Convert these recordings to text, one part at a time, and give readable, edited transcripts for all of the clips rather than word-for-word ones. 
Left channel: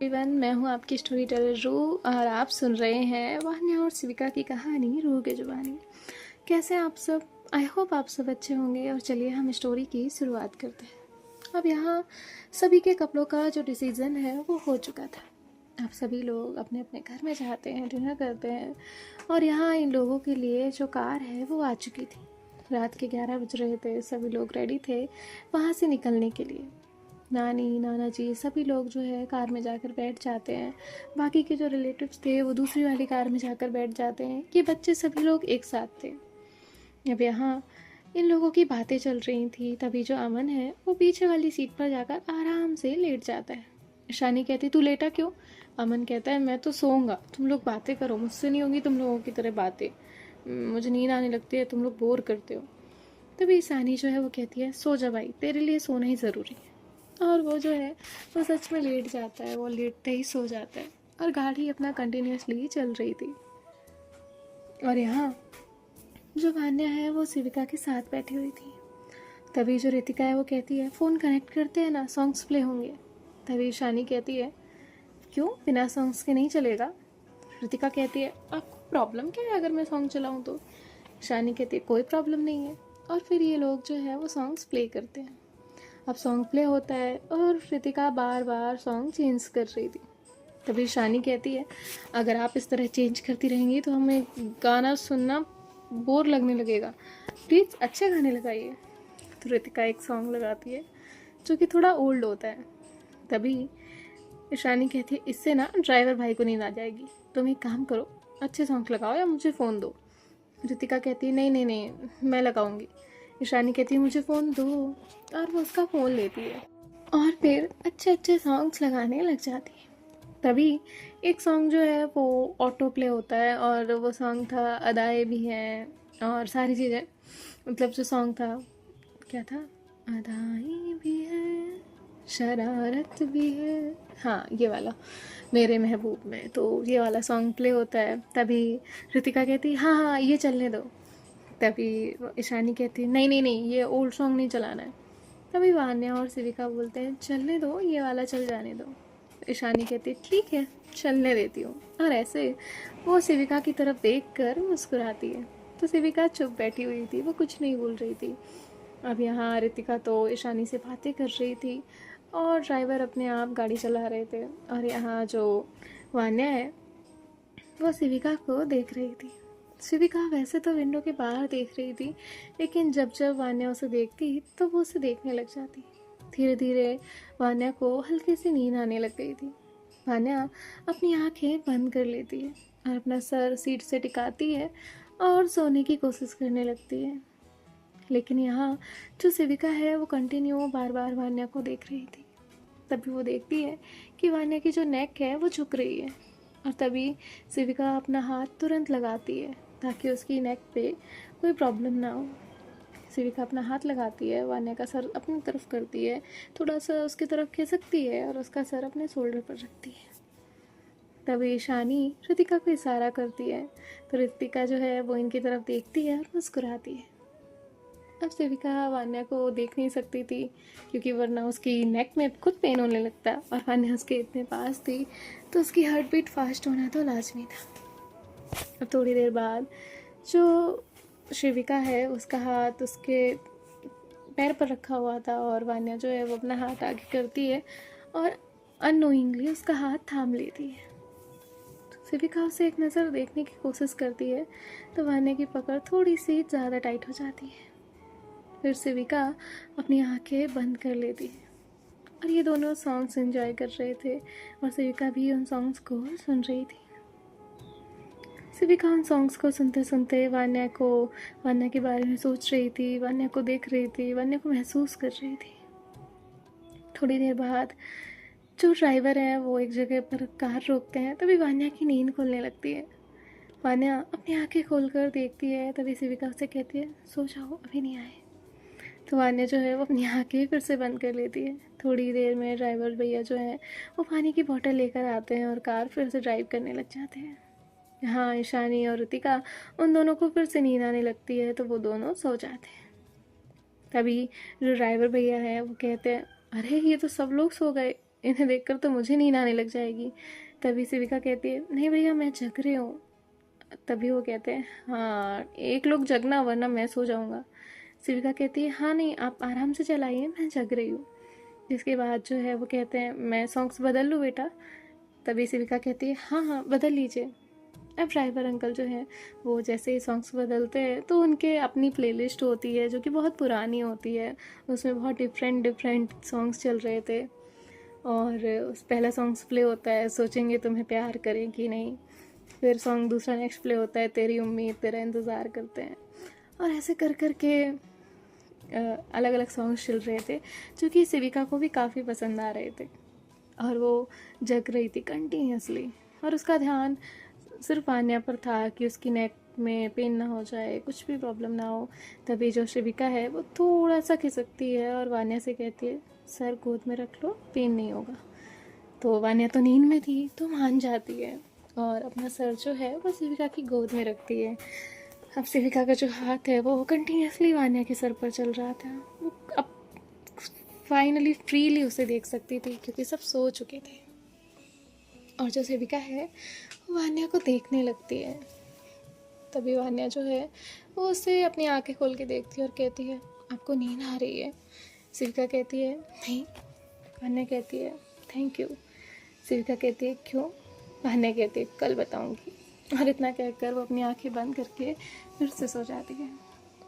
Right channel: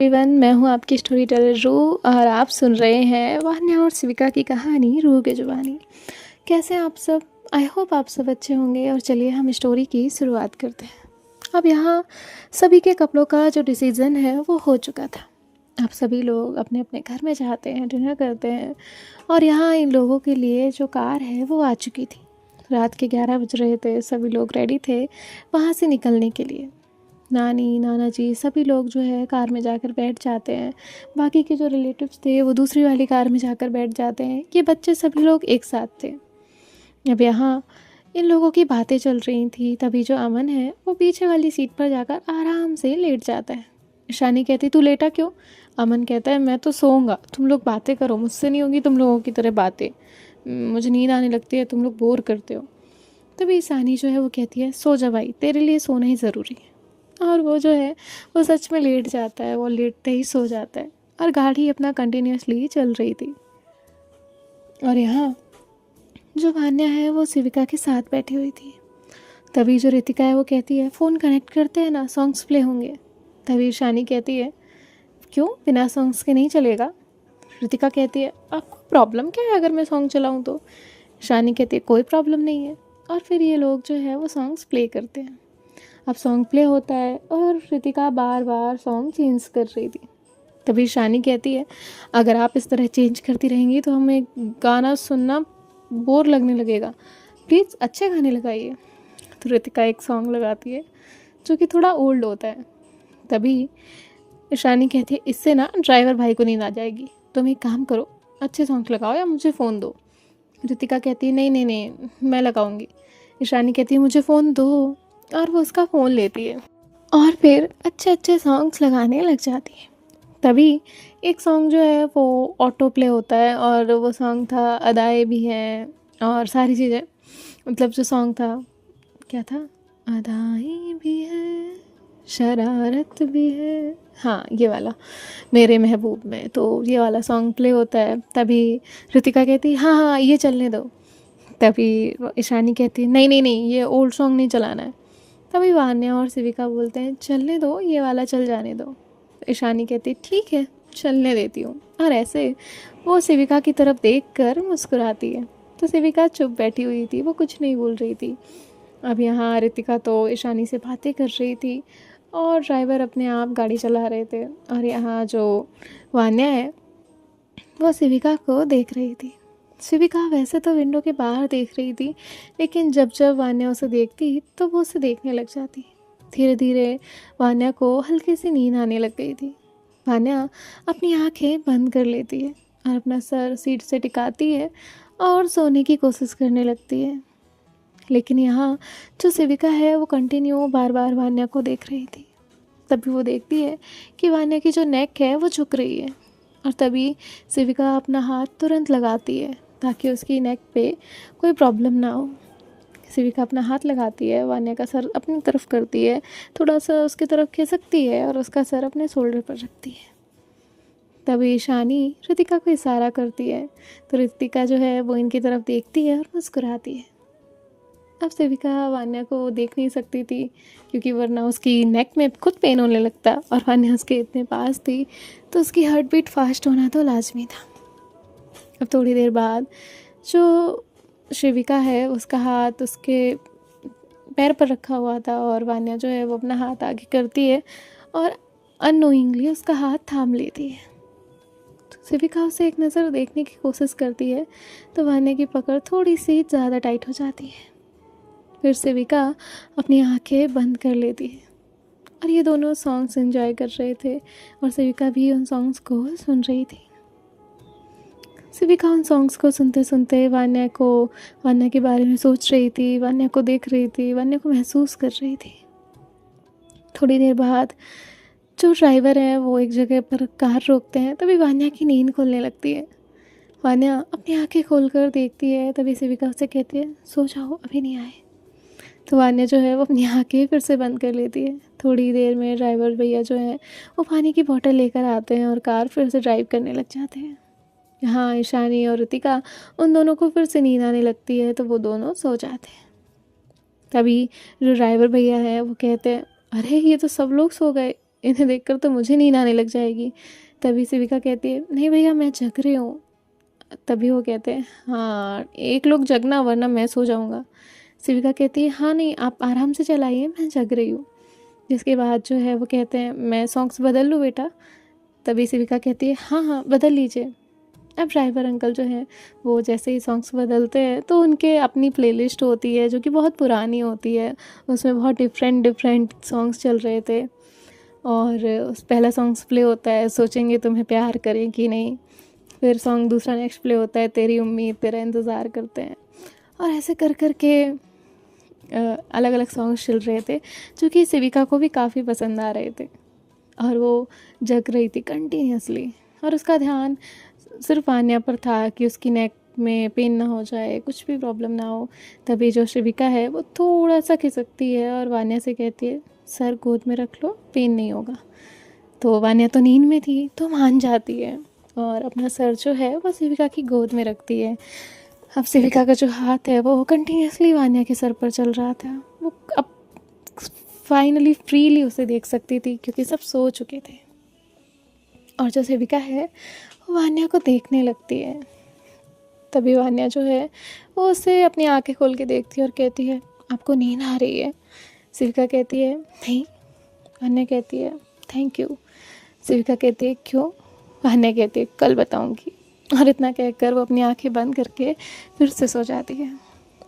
Everyone, मैं हूँ आपकी स्टोरी टेलर रूह और आप सुन रहे हैं वान्या और शिविका की कहानी रूह की जुबानी। कैसे हैं आप सब? आई होप आप सब अच्छे होंगे। और चलिए हम स्टोरी की शुरुआत करते हैं। अब यहाँ सभी के कपड़ों का जो डिसीज़न है वो हो चुका था। अब सभी लोग अपने अपने घर में जाते हैं, डिनर करते हैं। और यहाँ इन लोगों के लिए जो कार है वो आ चुकी थी। रात के 11 बज रहे थे, सभी लोग रेडी थे वहाँ से निकलने के लिए। नानी नाना जी सभी लोग जो है कार में जाकर बैठ जाते हैं। बाकी के जो रिलेटिव्स थे वो दूसरी वाली कार में जाकर बैठ जाते हैं। ये बच्चे सभी लोग एक साथ थे। अब यहाँ इन लोगों की बातें चल रही थी, तभी जो अमन है वो पीछे वाली सीट पर जाकर आराम से लेट जाता है। ईशानी कहती तू लेटा क्यों? अमन कहता है मैं तो सोऊंगा, तुम लोग बातें करो, मुझसे नहीं होगी तुम लोगों की तरह बातें। मुझे नींद आने लगती है, तुम लोग बोर करते हो। तभी ईशानी जो है वो कहती है सो जा भाई, तेरे लिए सोना ही ज़रूरी है। और वो जो है वो सच में लेट जाता है। वो लेटते ही सो जाता है और गाड़ी अपना कंटिन्यूसली चल रही थी। और यहाँ जो वान्या है वो शिविका के साथ बैठी हुई थी। तभी जो रितिका है वो कहती है फ़ोन कनेक्ट करते हैं ना, सॉन्ग्स प्ले होंगे। तभी शानी कहती है क्यों, बिना सॉन्ग्स के नहीं चलेगा? रितिका कहती है आपको प्रॉब्लम क्या है अगर मैं सॉन्ग चलाऊँ तो? शानी कहती है कोई प्रॉब्लम नहीं है। और फिर ये लोग जो है वो सॉन्ग्स प्ले करते हैं। अब सॉन्ग प्ले होता है और रितिका बार बार सॉन्ग चेंज कर रही थी। तभी शानी कहती है अगर आप इस तरह चेंज करती रहेंगी तो हमें गाना सुनना बोर लगने लगेगा, प्लीज़ अच्छे गाने लगाइए। तो रितिका एक सॉन्ग लगाती है जो कि थोड़ा ओल्ड होता है। तभी शानी कहती है इससे ना ड्राइवर भाई को नींद आ जाएगी, तुम एक काम करो अच्छे सॉन्ग लगाओ या मुझे फ़ोन दो। रितिका कहती है नहीं नहीं नहीं मैं लगाऊंगी। ईशानी कहती है मुझे फ़ोन दो। और वो उसका फ़ोन लेती है और फिर अच्छे अच्छे सॉन्ग्स लगाने लग जाती है। तभी एक सॉन्ग जो है वो ऑटो प्ले होता है और वो सॉन्ग था अदाएँ भी हैं और सारी चीज़ें। मतलब जो सॉन्ग था क्या था, अदाएँ भी है शरारत भी है, हाँ ये वाला, मेरे महबूब में। तो ये वाला सॉन्ग प्ले होता है। तभी रितिका कहती है हाँ हाँ ये चलने दो। तभी ईशानी कहती है नहीं नहीं नहीं ये ओल्ड सॉन्ग नहीं चलाना है। तभी वान्या और शिविका बोलते हैं चलने दो, ये वाला चल जाने दो। ईशानी कहती है ठीक है चलने देती हूँ। और ऐसे वो शिविका की तरफ देख कर मुस्कुराती है। तो शिविका चुप बैठी हुई थी, वो कुछ नहीं बोल रही थी। अब यहाँ रितिका तो ईशानी से बातें कर रही थी और ड्राइवर अपने आप गाड़ी चला रहे थे। और यहाँ जो वान्या है वो शिविका को देख रही थी। शिविका वैसे तो विंडो के बाहर देख रही थी, लेकिन जब जब वान्या उसे देखती तो वो उसे देखने लग जाती। धीरे धीरे वान्या को हल्की सी नींद आने लग गई थी। वान्या अपनी आंखें बंद कर लेती है और अपना सर सीट से टिकाती है और सोने की कोशिश करने लगती है। लेकिन यहाँ जो शिविका है वो कंटिन्यू बार बार वान्या को देख रही थी। तभी वो देखती है कि वान्या की जो नेक है वो झुक रही है। और तभी शिविका अपना हाथ तुरंत लगाती है ताकि उसकी नेक पे कोई प्रॉब्लम ना हो। शिविका अपना हाथ लगाती है, वान्या का सर अपनी तरफ करती है, थोड़ा सा उसकी तरफ खिसकती है और उसका सर अपने शोल्डर पर रखती है। तभी ईशानी रितिका को इशारा करती है। तो रितिका जो है वो इनकी तरफ देखती है और मुस्कुराती है। अब शिविका वान्या को देख नहीं सकती थी क्योंकि वरना उसकी नेक में खुद पेन होने लगता और वान्या उसके इतने पास थी तो उसकी हार्ट बीट फास्ट होना तो लाजमी था। अब थोड़ी देर बाद जो शिविका है उसका हाथ उसके पैर पर रखा हुआ था और वान्या जो है वो अपना हाथ आगे करती है और अननोइंगली उसका हाथ थाम लेती है। तो शिविका उसे एक नज़र देखने की कोशिश करती है तो वान्या की पकड़ थोड़ी सी ज़्यादा टाइट हो जाती है। फिर शिविका अपनी आंखें बंद कर लेती है और ये दोनों सॉन्ग्स एंजॉय कर रहे थे और शिविका भी उन सॉन्ग्स को सुन रही थी। शिविका उन सॉन्ग्स को सुनते सुनते वान्या के बारे में सोच रही थी, वान्या को देख रही थी, वान्या को महसूस कर रही थी। थोड़ी देर बाद जो ड्राइवर है वो एक जगह पर कार रोकते हैं। तभी वान्या की नींद खुलने लगती है। वान्या अपनी आंखें खोलकर देखती है। तभी शिविका उसे कहती है सो जाओ अभी नहीं आए। तो वान्या जो है वो अपनी आंखें फिर से बंद कर लेती है। थोड़ी देर में ड्राइवर भैया जो है वो पानी की बोतल लेकर आते हैं और कार फिर से ड्राइव करने लग जाते हैं। यहाँ ईशानी और ऋतिका उन दोनों को फिर से नींद आने लगती है तो वो दोनों सो जाते हैं। तभी जो ड्राइवर भैया है वो कहते हैं अरे ये तो सब लोग सो गए, इन्हें देखकर तो मुझे नींद आने लग जाएगी। तभी शिविका कहती है, नहीं भैया मैं जग रही हूँ। तभी वो कहते हैं, हाँ एक लोग जगना वरना मैं सो जाऊँगा। शिविका कहती है, हाँ नहीं आप आराम से चलाइए, मैं जग रही हूँ। जिसके बाद जो है वो कहते हैं, मैं सॉन्ग्स बदल लूँ बेटा। तभी शिविका कहती है, हाँ हाँ बदल लीजिए। अब ड्राइवर अंकल जो हैं वो जैसे ही सॉन्ग्स बदलते हैं तो उनके अपनी प्लेलिस्ट होती है जो कि बहुत पुरानी होती है, उसमें बहुत डिफरेंट डिफरेंट सॉन्ग्स चल रहे थे। और उस पहला सॉन्ग्स प्ले होता है, सोचेंगे तुम्हें प्यार करें कि नहीं। फिर सॉन्ग दूसरा नेक्स्ट प्ले होता है, तेरी उम्मीद तेरा इंतज़ार करते हैं। और ऐसे कर कर के अलग अलग सॉन्ग्स चल रहे थे जो कि शिविका को भी काफ़ी पसंद आ रहे थे। और वो जग रही थी कंटिन्यूसली, और उसका ध्यान सिर्फ वान्या पर था कि उसकी नेक में पेन ना हो जाए, कुछ भी प्रॉब्लम ना हो। तभी जो शिविका है वो थोड़ा सा खिसकती है और वान्या से कहती है, सर गोद में रख लो, पेन नहीं होगा। तो वान्या तो नींद में थी तो मान जाती है और अपना सर जो है वो शिविका की गोद में रखती है। अब शिविका का जो हाथ है वो कंटिन्यूसली वान्या के सर पर चल रहा था। वो अब फाइनली फ्रीली उसे देख सकती थी क्योंकि सब सो चुके थे। और जो शिविका है वो वान्या को देखने लगती है। तभी वान्या जो है वो उसे अपनी आंखें खोल के देखती है और कहती है, आपको नींद आ रही है? शिविका कहती है, नहीं। वान्या कहती है, थैंक यू। शिविका कहती है, क्यों? वान्या कहती है, कल बताऊंगी। और इतना कहकर वो अपनी आंखें बंद करके फिर से सो जाती है।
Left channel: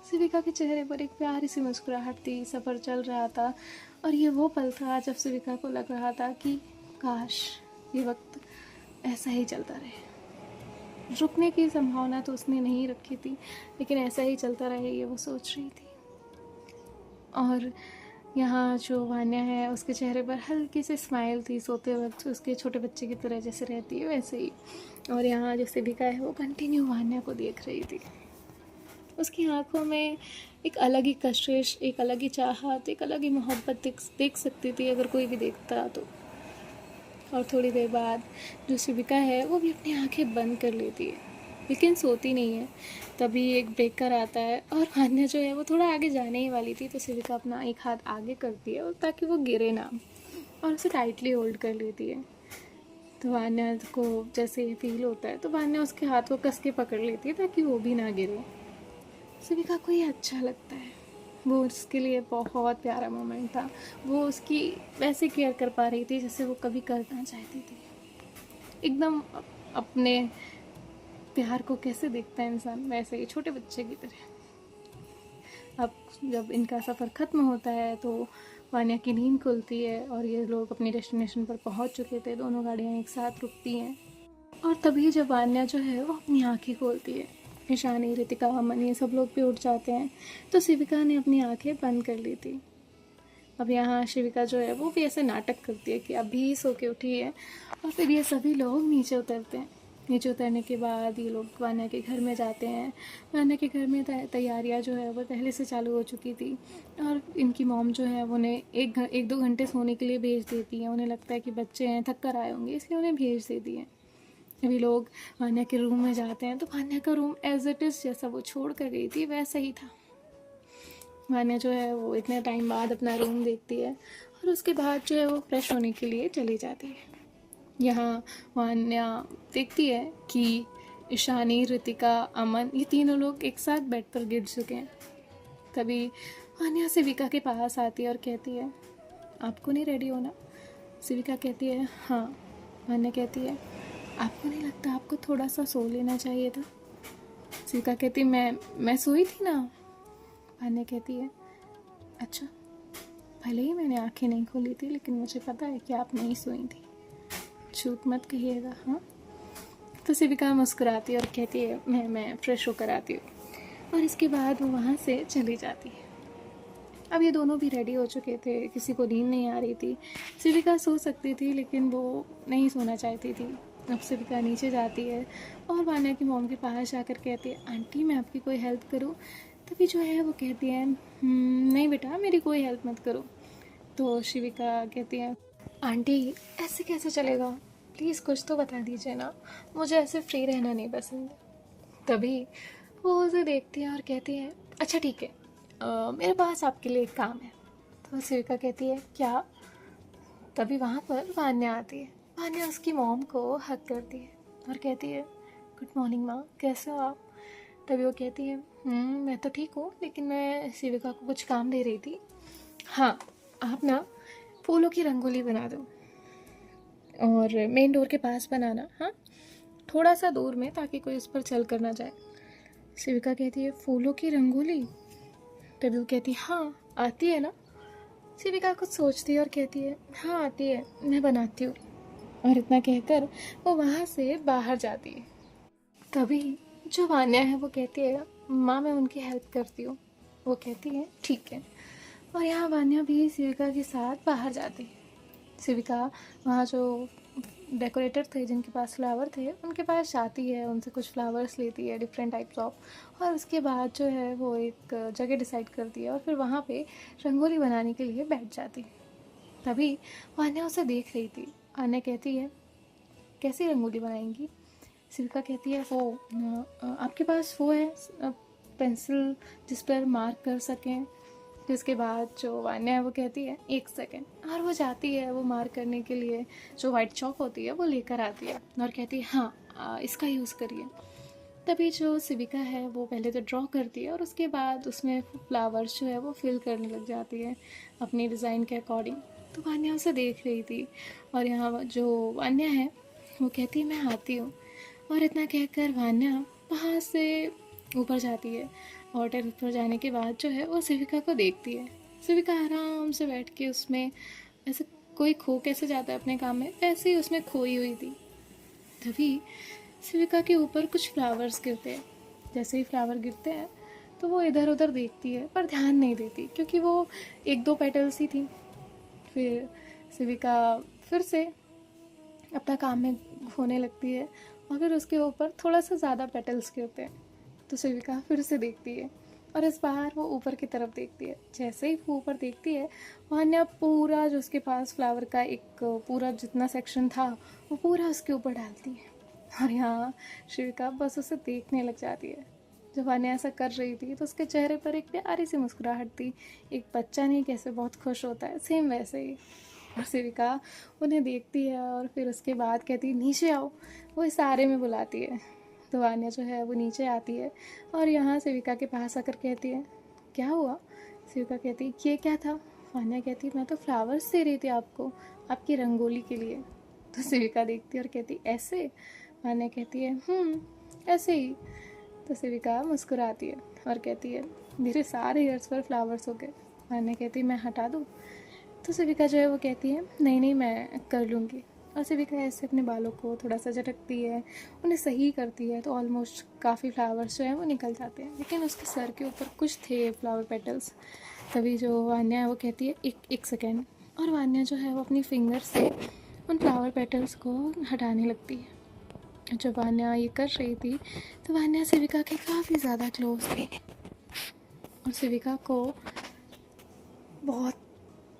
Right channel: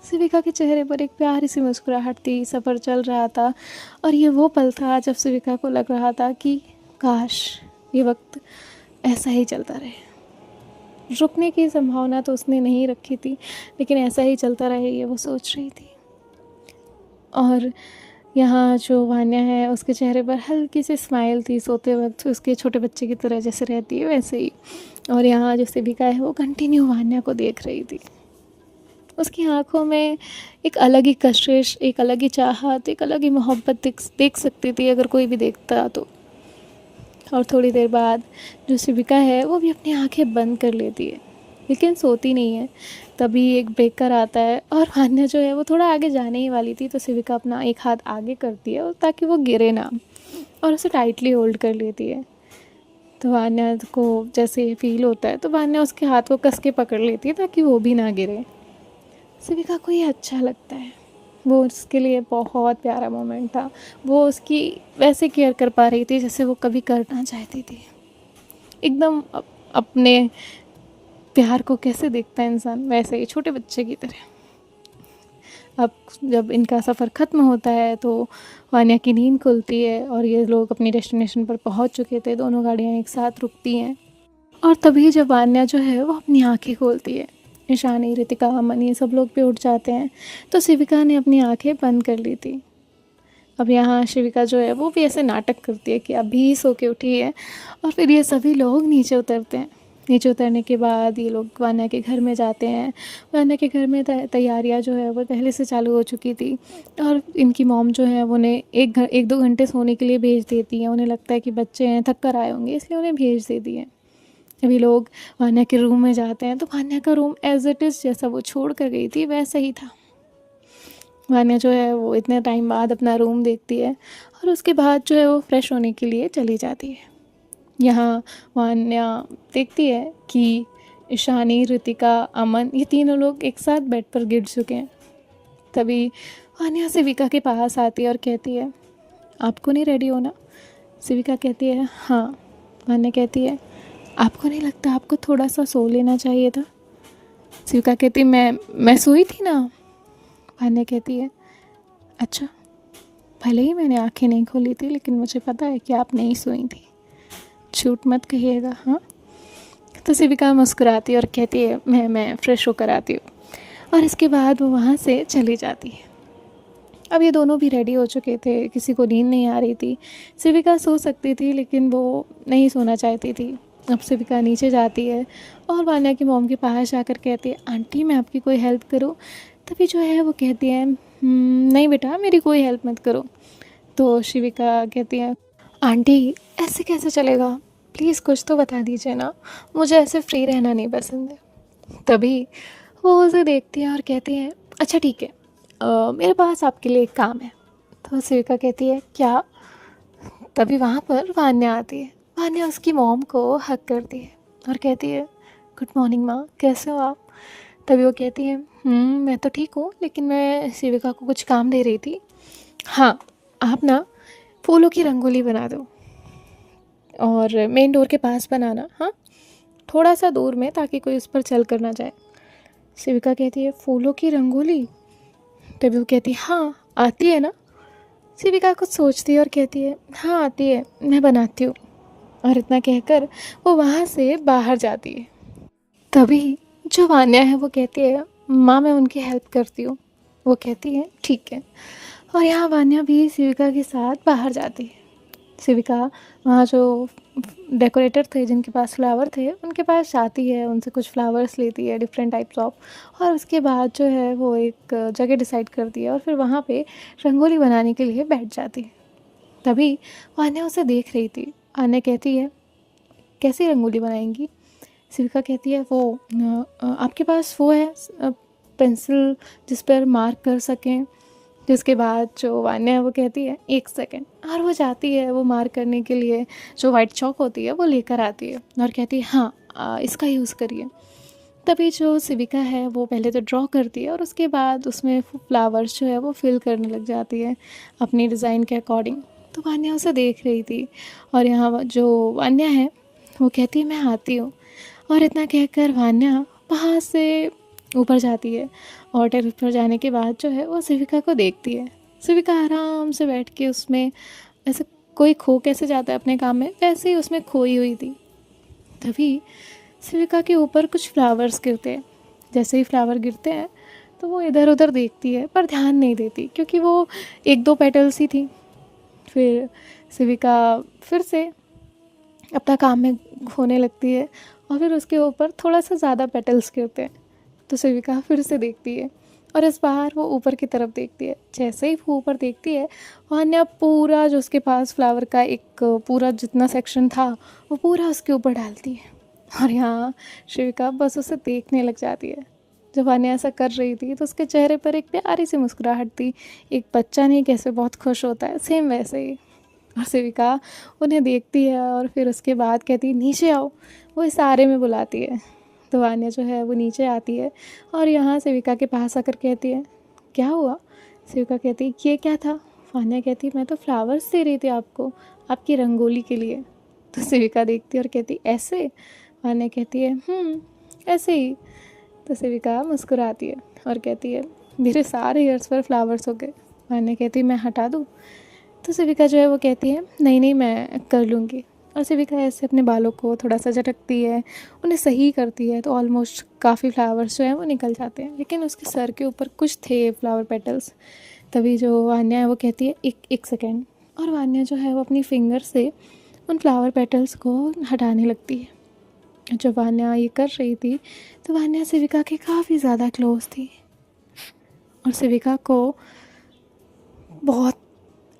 शिविका के चेहरे पर एक प्यारी सी मुस्कुराहट थी। सफ़र चल रहा था और ये वो पल था जब शिविका को लग रहा था कि काश ये वक्त ऐसा ही चलता रहे। रुकने की संभावना तो उसने नहीं रखी थी, लेकिन ऐसा ही चलता रहे ये वो सोच रही थी। और यहाँ जो वान्या है उसके चेहरे पर हल्की सी स्माइल थी, सोते वक्त उसके छोटे बच्चे की तरह जैसे रहती है वैसे ही। और यहाँ जो शिविका है वो कंटिन्यू वान्या को देख रही थी। उसकी आंखों में एक अलग ही कशिश, एक अलग ही चाहत, एक अलग ही मोहब्बत देख सकती थी अगर कोई भी देखता तो। और थोड़ी देर बाद जो शिविका है वो भी अपनी आंखें बंद कर लेती है, लेकिन सोती नहीं है। तभी एक ब्रेकर आता है और वान्या जो है वो थोड़ा आगे जाने ही वाली थी, तो शिविका अपना एक हाथ आगे करती है ताकि वो गिरे ना, और उसे टाइटली होल्ड कर लेती है। तो वान्या को जैसे फील होता है तो वान्या उसके हाथ को कस के पकड़ लेती है ताकि वो भी ना गिरे। शिविका को ये अच्छा लगता है, वो उसके लिए बहुत प्यारा मोमेंट था। वो उसकी वैसे केयर कर पा रही थी जैसे वो कभी करना चाहती थी। एकदम अपने प्यार को कैसे देखता है इंसान, वैसे ही छोटे बच्चे की तरह। अब जब इनका सफ़र ख़त्म होता है तो वान्या की नींद खुलती है और ये लोग अपनी डेस्टिनेशन पर पहुंच चुके थे। दोनों गाड़ियां एक साथ रुकती हैं और तभी जब वान्या जो है वो अपनी आंखें खोलती है, ईशानी, रितिका, अमन ये सब लोग भी उठ जाते हैं, तो शिविका ने अपनी आंखें बंद कर ली थी। अब यहाँ शिविका जो है वो भी ऐसे नाटक करती है कि अभी सो के उठी है। और फिर ये सभी लोग नीचे उतरते हैं। नीचे उतरने के बाद ये लोग वान्या के घर में जाते हैं। वान्या के घर में तैयारियाँ जो है वो पहले से चालू हो चुकी थी और इनकी मॉम जो है उन्हें एक दो घंटे सोने के लिए भेज देती हैं। उन्हें लगता है कि बच्चे हैं, थक कर आए होंगे, इसलिए उन्हें भेज देती हैं। अभी लोग वान्या के रूम में जाते हैं तो वान्या का रूम एज इट इज़ जैसा वो छोड़ कर गई थी वैसा ही था। वान्या जो है वो इतने टाइम बाद अपना रूम देखती है और उसके बाद जो है वो फ्रेश होने के लिए चली जाती है। यहाँ वान्या देखती है कि ईशानी, रितिका, अमन ये तीनों लोग एक साथ बेड पर गिर चुके हैं। तभी वान्या शिविका के पास आती है और कहती है, आपको नहीं रेडी होना? शिविका कहती है, हाँ। वान्या कहती है, आपको नहीं लगता आपको थोड़ा सा सो लेना चाहिए था? शिविका कहती है, मैं सोई थी ना। वान्या कहती है, अच्छा, भले ही मैंने आंखें नहीं खोली थी लेकिन मुझे पता है कि आप नहीं सोई थी, झूठ मत कहिएगा, हाँ। तो शिविका मुस्कुराती है और कहती है, मैं फ्रेश होकर आती हूँ। और इसके बाद वो वहाँ से चली जाती है। अब ये दोनों भी रेडी हो चुके थे, किसी को नींद नहीं आ रही थी। शिविका सो सकती थी लेकिन वो नहीं सोना चाहती थी। अब शिविका नीचे जाती है और वान्या की मॉम के पास जाकर कहती है, आंटी मैं आपकी कोई हेल्प करूँ? तभी जो है वो कहती है, नहीं बेटा मेरी कोई हेल्प मत करो। तो शिविका कहती है, आंटी ऐसे कैसे चलेगा, प्लीज़ कुछ तो बता दीजिए ना, मुझे ऐसे फ्री रहना नहीं पसंद है। तभी वो उसे देखती है और कहती है, अच्छा ठीक है, मेरे पास आपके लिए एक काम है। तो शिविका कहती है, क्या? तभी वहाँ पर वान्या आती है। वान्या उसकी मॉम को हक करती है और कहती है, गुड मॉर्निंग माँ, कैसे हो आप? तभी वो कहती है, मैं तो ठीक हूँ, लेकिन मैं शिविका को कुछ काम दे रही थी। हाँ, आप ना फूलों की रंगोली बना दो और मेन डोर के पास बनाना, हाँ, थोड़ा सा दूर में, ताकि कोई उस पर चल कर ना जाए। शिविका कहती है, फूलों की रंगोली? तभी वो कहती है, हाँ आती है ना? शिविका कुछ सोचती है और कहती है, हाँ आती है, मैं बनाती हूँ। और इतना कहकर वो वहाँ से बाहर जाती है। तभी जो वान्या है वो कहती है, माँ मैं उनकी हेल्प करती हूँ। वो कहती है ठीक है। और यहाँ वान्या भी शिविका के साथ बाहर जाती है। शिविका वहाँ जो डेकोरेटर थे जिनके पास फ्लावर थे उनके पास जाती है, उनसे कुछ फ्लावर्स लेती है डिफरेंट टाइप्स ऑफ, और उसके बाद जो है वो एक जगह डिसाइड करती है और फिर वहाँ पे रंगोली बनाने के लिए बैठ जाती है। तभी वान्या उसे देख रही थी। आन्या कहती है, कैसी रंगोली बनाएंगी? शिविका कहती है, वो आपके पास वो है पेंसिल जिस पर मार्क कर सकें? जिसके बाद जो वान्या है वो कहती है, एक सेकेंड, और वो जाती है वो मार्क करने के लिए जो वाइट चॉक होती है वो लेकर आती है और कहती है, हाँ इसका यूज़ करिए। तभी जो शिविका है वो पहले तो ड्रॉ करती है और उसके बाद उसमें फ्लावर्स जो है वो फिल करने लग जाती है अपनी डिज़ाइन के अकॉर्डिंग। तो वान्या उसे देख रही थी और यहाँ जो वान्या है वो कहती है, मैं आती हूँ। और इतना कहकर वान्या वहाँ से ऊपर जाती है और टेरेस पर जाने के बाद जो है वो शिविका को देखती है। शिविका आराम से बैठ के उसमें, ऐसे कोई खो कैसे जाता है अपने काम में, वैसे ही उसमें खोई हुई थी। तभी शिविका के ऊपर कुछ फ्लावर्स गिरते हैं। जैसे ही फ्लावर गिरते हैं तो वो इधर उधर देखती है पर ध्यान नहीं देती, क्योंकि वो एक दो पेटल्स ही थी। फिर शिविका फिर से अपना काम में खोने लगती है और फिर उसके ऊपर थोड़ा सा ज़्यादा पेटल्स गिरते हैं। तो शिविका फिर से देखती है और इस बार वो ऊपर की तरफ देखती है। जैसे ही वो ऊपर देखती है, वान्या पूरा जो उसके पास फ्लावर का एक पूरा जितना सेक्शन था वो पूरा उसके ऊपर डालती है। और यहाँ शिविका बस उसे देखने लग जाती है। जब वान्या ऐसा कर रही थी तो उसके चेहरे पर एक प्यारी सी मुस्कुराहट थी। एक बच्चा नहीं कैसे बहुत खुश होता है, सेम वैसे ही। और शिविका उन्हें देखती है और फिर उसके बाद कहती है, नीचे आओ। वो इशारे में बुलाती है। तो वान्या जो है वो नीचे आती है और यहाँ शिविका के पास आकर कहती है, क्या हुआ? शिविका कहती है, ये क्या था? वान्या कहती है, मैं तो फ्लावर्स दे रही थी आपको, आपकी रंगोली के लिए। तो शिविका देखती है और कहती, ऐसे? वान्या कहती है, ऐसे ही। तो शिविका मुस्कुराती है और कहती है, मेरे सारे हेयर्स पर फ्लावर्स हो गए। वान्या कहती है, मैं हटा दूँ? तो शिविका जो है वो कहती है, नहीं नहीं मैं कर लूँगी। और शिविका ऐसे अपने बालों को थोड़ा सा झटकती है, उन्हें सही करती है, तो ऑलमोस्ट काफ़ी फ्लावर्स जो हैं वो निकल जाते हैं, लेकिन उसके सर के ऊपर कुछ थे फ्लावर पेटल्स। तभी जो वान्या है वो कहती है, एक सेकेंड। और वान्या जो है वो अपनी फिंगर से उन फ्लावर पेटल्स को हटाने लगती है। जब वान्या ये कर रही थी तो वान्या शिविका के काफ़ी ज़्यादा क्लोज थी और शिविका को बहुत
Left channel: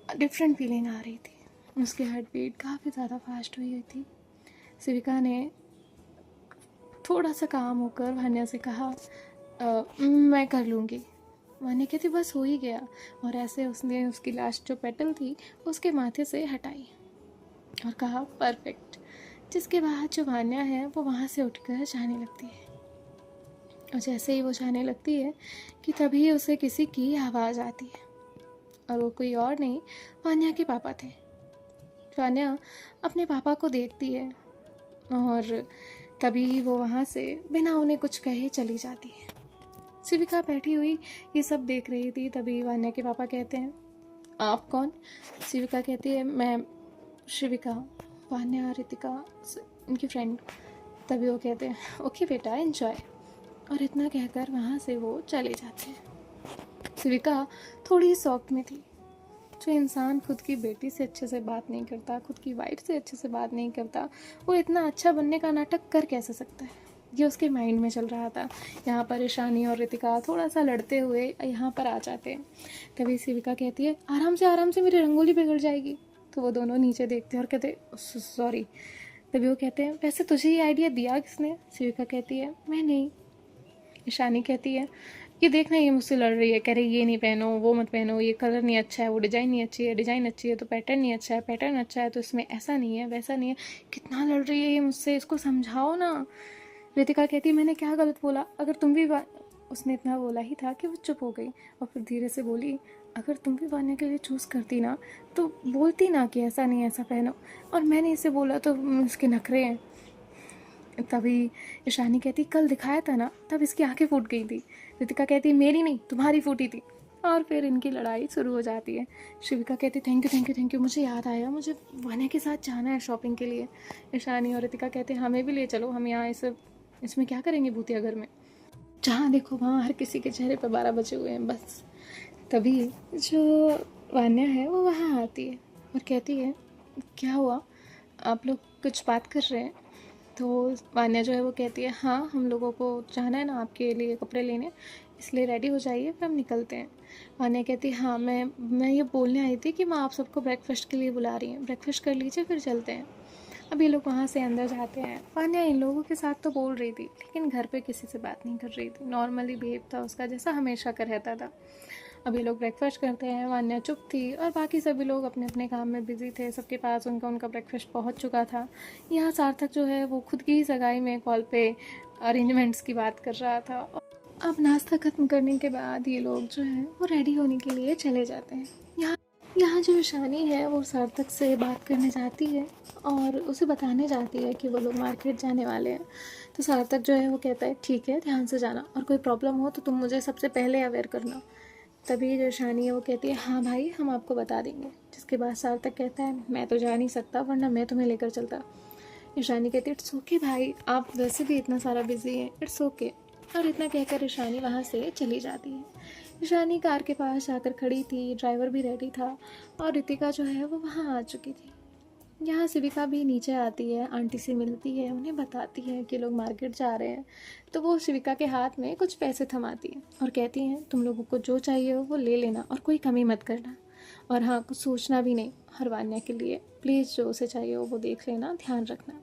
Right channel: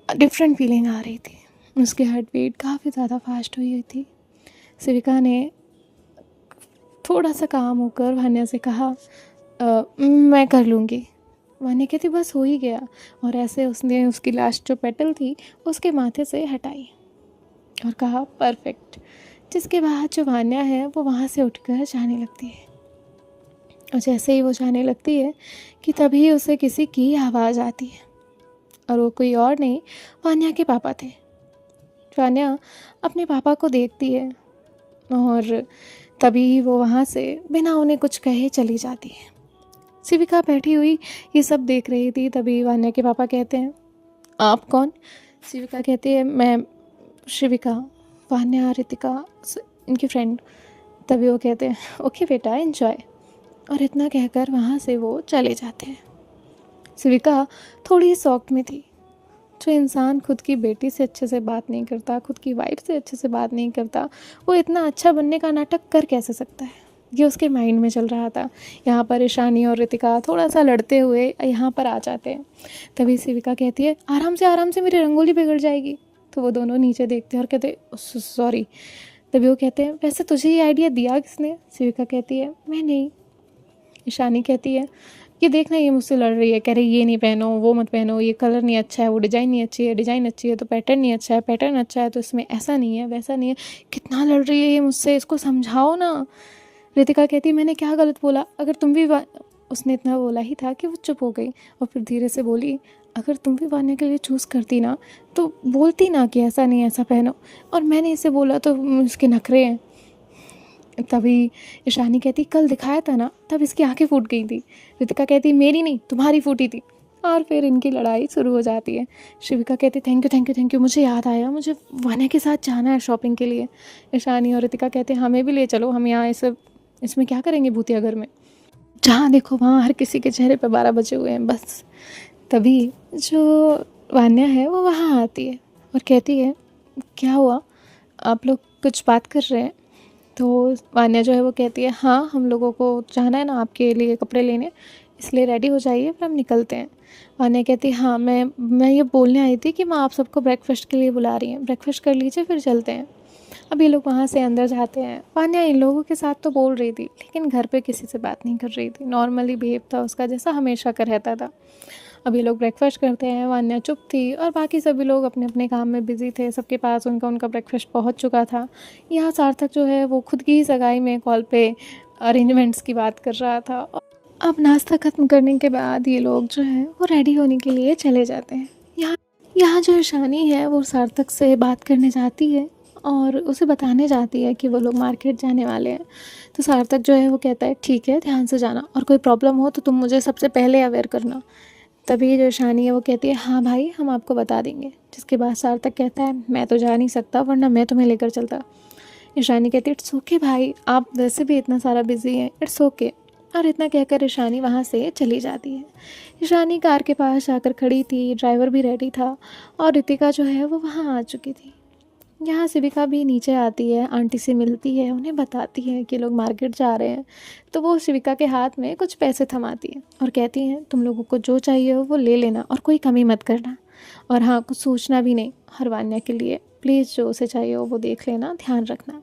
डिफरेंट फीलिंग आ रही थी। उसकी हार्ट बीट काफ़ी ज़्यादा फास्ट हुई थी। शिविका ने थोड़ा सा काम होकर वान्या से कहा, मैं कर लूँगी। वान्या कहती, बस हो ही गया। और ऐसे उसने उसकी लास्ट जो पेटल थी उसके माथे से हटाई और कहा, परफेक्ट। जिसके बाद जो वान्या है वो वहाँ से उठकर जाने लगती है। और जैसे ही वो जाने लगती है कि तभी उसे किसी की आवाज़ आती है, और वो कोई और नहीं, वान्या के पापा थे। वान्या अपने पापा को देखती है और तभी वो वहाँ से बिना उन्हें कुछ कहे चली जाती है। शिविका बैठी हुई ये सब देख रही थी। तभी वान्या के पापा कहते हैं, आप कौन? शिविका कहती है, मैं शिविका, वान्या रितिका इनकी फ्रेंड। तभी वो कहते हैं, ओके बेटा एंजॉय। और इतना कहकर वहाँ से वो चले जाते हैं। शिविका थोड़ी शॉक में थी। जो इंसान खुद की बेटी से अच्छे से बात नहीं करता, खुद की वाइफ से अच्छे से बात नहीं करता, वो इतना अच्छा बनने का नाटक कर कैसे सकता है? ये उसके माइंड में चल रहा था। यहाँ पर ईशानी और रितिका थोड़ा सा लड़ते हुए यहाँ पर आ जाते हैं। तभी शिविका कहती है, आराम से मेरी रंगोली बिगड़ जाएगी। तो वो दोनों नीचे देखते हैं और कहते हैं, सॉरी। तभी वो कहते हैं, वैसे तुझे ये आइडिया दिया किसने? शिविका कहती है, मैं नहीं। ईशानी कहती है, ये देखना, ये मुझसे लड़ रही है, कह रही ये नहीं पहनो, वो मत पहनो, ये कलर नहीं अच्छा है, वो डिज़ाइन नहीं अच्छी है, डिज़ाइन अच्छी है तो पैटर्न नहीं अच्छा है, पैटर्न अच्छा है तो इसमें ऐसा नहीं है, वैसा नहीं है। कितना लड़ रही है ये मुझसे, इसको समझाओ ना। रितिका कहती मैंने क्या गलत बोला? अगर तुम भी उसने इतना बोला ही था कि वो चुप हो गई और फिर धीरे से बोली, अगर तुम भी वान्या के लिए चूज़ करती ना तो बोलती ना कि ऐसा नहीं ऐसा पहनो, और मैंने इसे बोला तो उसके नखरे हैं। तभी ईशानी कहती कल दिखाया था ना, तब इसकी आंखें फूट गई थी। रितिका कहती मेरी नहीं, तुम्हारी फूटी थी। और फिर इनकी लड़ाई शुरू हो जाती है। शिविका कहती thank you thank you thank you, मुझे याद आया, मुझे वान्या के साथ जाना है शॉपिंग के लिए। ईशानी और रितिका कहते हमें भी ले चलो, हम यहाँ इसमें क्या करेंगे भूतिया घर में, जहाँ देखो वहाँ हर किसी के चेहरे पर 12 बजे हुए हैं बस। तभी जो वान्या है वो वहाँ आती है और कहती है क्या हुआ, आप लोग कुछ बात कर रहे हैं? तो वान्या जो है वो कहती है हाँ, हम लोगों को जाना है ना आपके लिए कपड़े लेने, इसलिए रेडी हो जाइए फिर हम निकलते हैं। वान्या कहती है हाँ, मैं ये बोलने आई थी कि मैं आप सबको ब्रेकफास्ट के लिए बुला रही हूँ, ब्रेकफास्ट कर लीजिए फिर चलते हैं। अब ये लोग वहाँ से अंदर जाते हैं। वान्या इन लोगों के साथ तो बोल रही थी लेकिन घर पे किसी से बात नहीं कर रही थी, नॉर्मली बिहेव था उसका जैसा हमेशा का रहता था। अब ये लोग ब्रेकफास्ट करते हैं, वान्या चुप थी और बाकी सभी लोग अपने अपने काम में बिजी थे, सबके पास उनका उनका ब्रेकफास्ट पहुंच चुका था। यहाँ सार्थक जो है वो खुद की ही सगाई में कॉल पे अरेंजमेंट्स की बात कर रहा था। अब नाश्ता ख़त्म करने के बाद ये लोग जो है वो रेडी होने के लिए चले जाते हैं। यहाँ यहाँ जो ईशानी है वो सार्थक से बात करने जाती है और उसे बताने जाती है कि वो लोग मार्केट जाने वाले हैं। तो सार्थक जो है वो कहता है ठीक है, ध्यान से जाना, और कोई प्रॉब्लम हो तो तुम मुझे सबसे पहले अवेयर करना। तभी जो ईशानी है वो कहती है हाँ भाई, हम आपको बता देंगे। जिसके बाद सार्थक कहता है मैं तो जा नहीं सकता, वरना मैं तुम्हें लेकर चलता। ईशानी कहती है इट्स ओके भाई, आप वैसे भी इतना सारा बिजी हैं, इट्स ओके। और इतना कहकर ईशानी वहाँ से चली जाती है। ईशानी कार के पास जाकर खड़ी थी, ड्राइवर भी रेडी था और रितिका जो है वो वहाँ आ चुकी थी। यहाँ शिविका भी नीचे आती है, आंटी से मिलती है, उन्हें बताती है कि लोग मार्केट जा रहे हैं। तो वो शिविका के हाथ में कुछ पैसे थमाती है और कहती हैं तुम लोगों को जो चाहिए हो वो ले लेना और कोई कमी मत करना, और हाँ कुछ सोचना भी नहीं हर वान्या के लिए, प्लीज़ जो उसे चाहिए हो वो देख लेना, ध्यान रखना।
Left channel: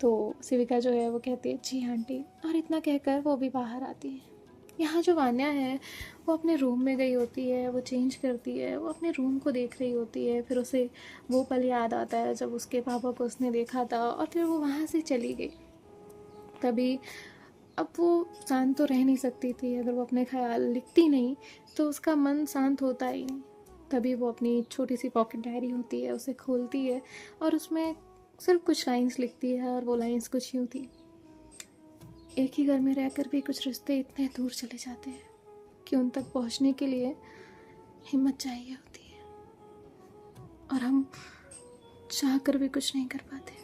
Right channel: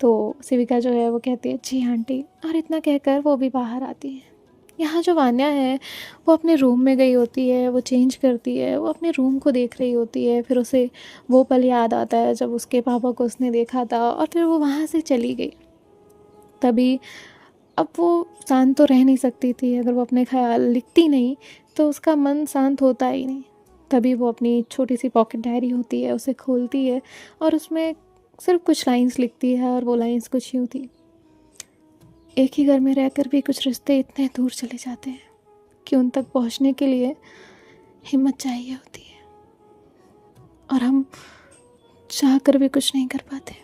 तो शिविका जो है वो कहती है जी आंटी, और इतना कहकर वो भी बाहर आती है। यहाँ जो वान्या है वो अपने रूम में गई होती है, वो चेंज करती है, वो अपने रूम को देख रही होती है। फिर उसे वो पल याद आता है जब उसके पापा को उसने देखा था और फिर वो वहाँ से चली गई। तभी अब वो शांत तो रह नहीं सकती थी, अगर वो अपने ख्याल लिखती नहीं तो उसका मन शांत होता ही नहीं। तभी वो अपनी छोटी सी पॉकेट डायरी होती है उसे खोलती है और उसमें सिर्फ कुछ लाइंस लिखती है, और वो लाइंस कुछ यूँ थी, एक ही घर में रहकर भी कुछ रिश्ते इतने दूर चले जाते हैं कि उन तक पहुंचने के लिए हिम्मत चाहिए होती है, और हम चाह कर भी कुछ नहीं कर पाते।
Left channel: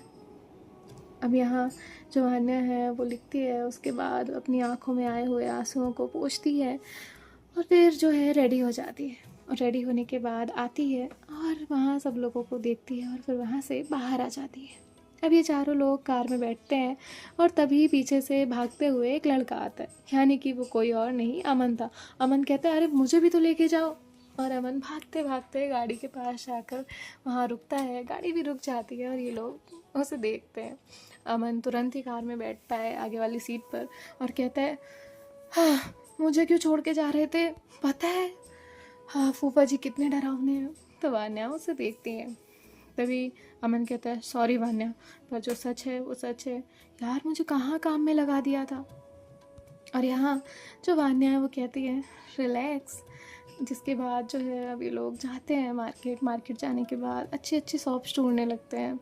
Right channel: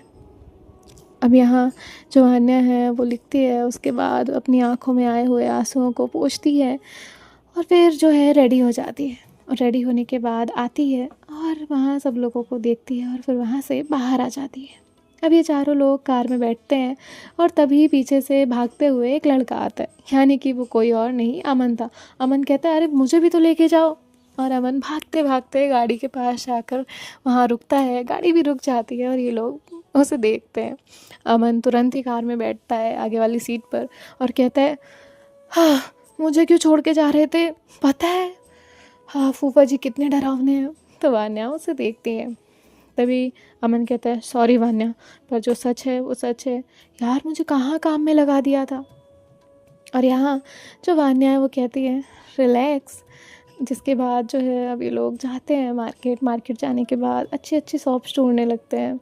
अब यहाँ जो अन्या है वो लिखती है, उसके बाद अपनी आँखों में आए हुए आंसुओं को पोंछती है और फिर जो है रेडी हो जाती है, और रेडी होने के बाद आती है और वहाँ सब लोगों को देखती है और फिर वहाँ से बाहर आ जाती है। अब ये चारों लोग कार में बैठते हैं और तभी पीछे से भागते हुए एक लड़का आता है, यानी कि वो कोई और नहीं अमन था। अमन कहता है अरे मुझे भी तो लेके जाओ, और अमन भागते भागते गाड़ी के पास जाकर वहाँ रुकता है, गाड़ी भी रुक जाती है और ये लोग उसे देखते हैं। अमन तुरंत ही कार में बैठता है आगे वाली सीट पर और कहता है हाँ, मुझे क्यों छोड़ के जा रहे थे, पता है हाँ फूफा जी कितने डरावने हैं। तो वान्या उसे देखती है। तभी अमन कहता है सॉरी वान्या, पर जो सच है वो सच है, यार मुझे कहाँ काम में लगा दिया था। और यहाँ जो वान्या है वो कहती है रिलैक्स। जिसके बाद जो है अब ये लोग जाते हैं मार्केट जाने के बाद अच्छी अच्छी शॉप्स ढूंढने लगते हैं।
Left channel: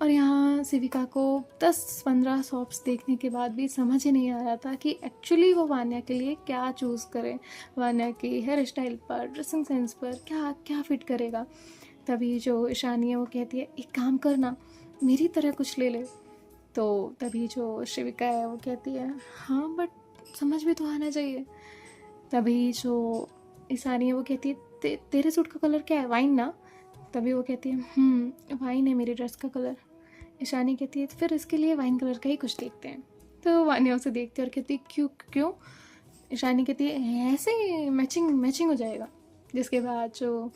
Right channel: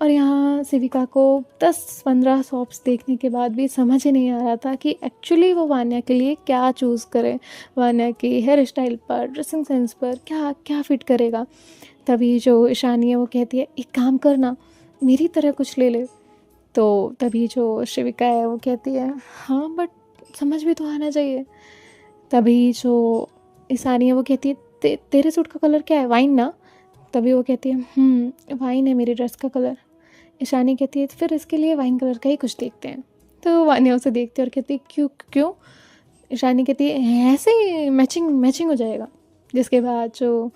और यहाँ शिविका को 10-15 शॉप्स देखने के बाद भी समझ ही नहीं आ रहा था कि एक्चुअली वो वान्या के लिए क्या चूज़ करें, वान्या की हेयर स्टाइल पर, ड्रेसिंग सेंस पर क्या क्या फिट करेगा। तभी जो ईशानी है वो कहती है एक काम करना, मेरी तरह कुछ ले ले। तो तभी जो शिविका है वो कहती है हाँ बट समझ भी तो आना चाहिए। तभी जो ईशानी है वो कहती है तेरे सूट का कलर क्या है, वाइन ना। तभी वो कहती है वाइन है मेरी ड्रेस का कलर। ईशानी कहती है फिर इसके लिए वाइन कलर का ही कुछ देखते हैं। तो वान्या उसे देखती है और कहती है क्यों क्यों। ईशानी कहती है ऐसे ही मैचिंग हो जाएगा। जिसके बाद जो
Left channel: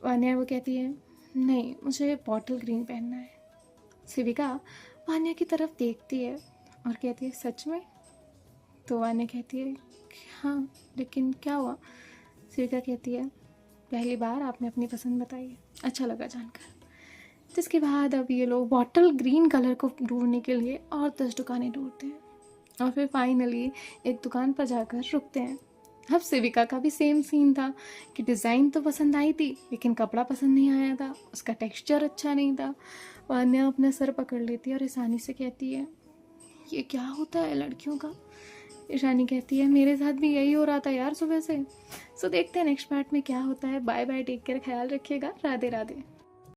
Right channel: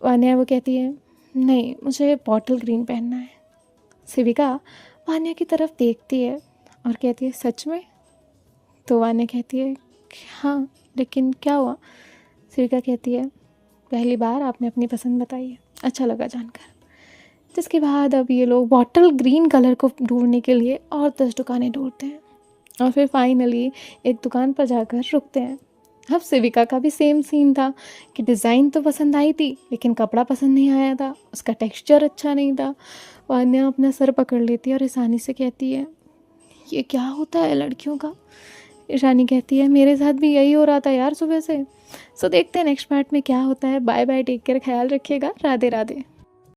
वान्या वो कहती है नहीं मुझे बॉटल ग्रीन पहनना है। शिविका वान्या की तरफ देखती है और कहती है सच में। तो वान्या कहती है हाँ लेकिन क्या हुआ? सिविका कहती है, पहली बार आपने अपनी पसंद बताई है, अच्छा लगा जानकर। जिसके बाद अब ये लोग बॉटल ग्रीन कलर को ढूंढने के लिए और 10 दुकानें ढूंढते हैं और फिर फाइनली एक दुकान पर जाकर रुकते हैं। अब सिविका का भी सेम सीन था कि डिज़ाइन तो पसंद आई थी लेकिन कपड़ा पसंद नहीं आया था, उसका टेक्सचर अच्छा नहीं था। वान्या अपना सर पकड़ लेती है और ईशानी से कहती है, ये क्या होता है लड़कियों का? ईशानी कहती है, मेरे साथ भी यही हो रहा था यार सुबह से। सो देखते हैं नेक्स्ट पार्ट में क्या होता है। बाय बाय, टेक केयर, ख्याल रखिएगा, राधे राधे।